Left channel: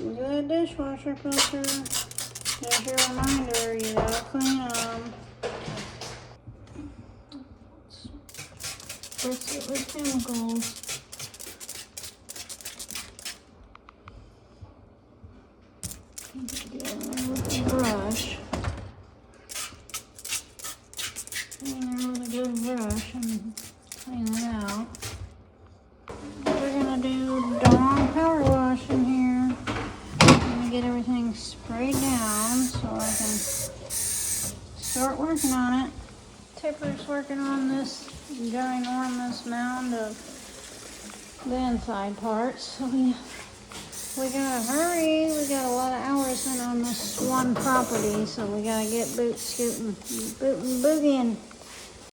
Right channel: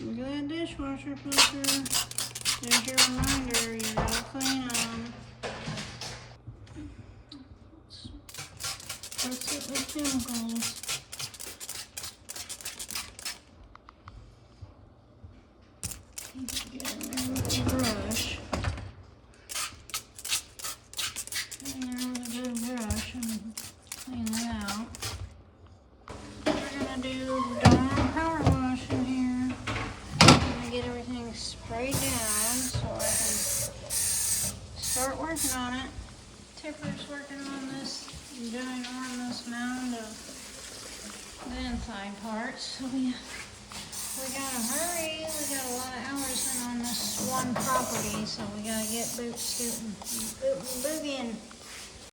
Good dishwasher filter. There's your reminder, you gotta clean them. Spritz it with chemicals. Get in there with the brush. In there with a good brush and clean it out. We're gonna do dawn power wash in here. I'm gonna get everything sprayed down so I can start working on it. Tipper's working on this ginormous mound of the inside parts. So we gotta hurry. We got a lot of hours in on this one property, so we gotta get boot scooting, boot and boogieing.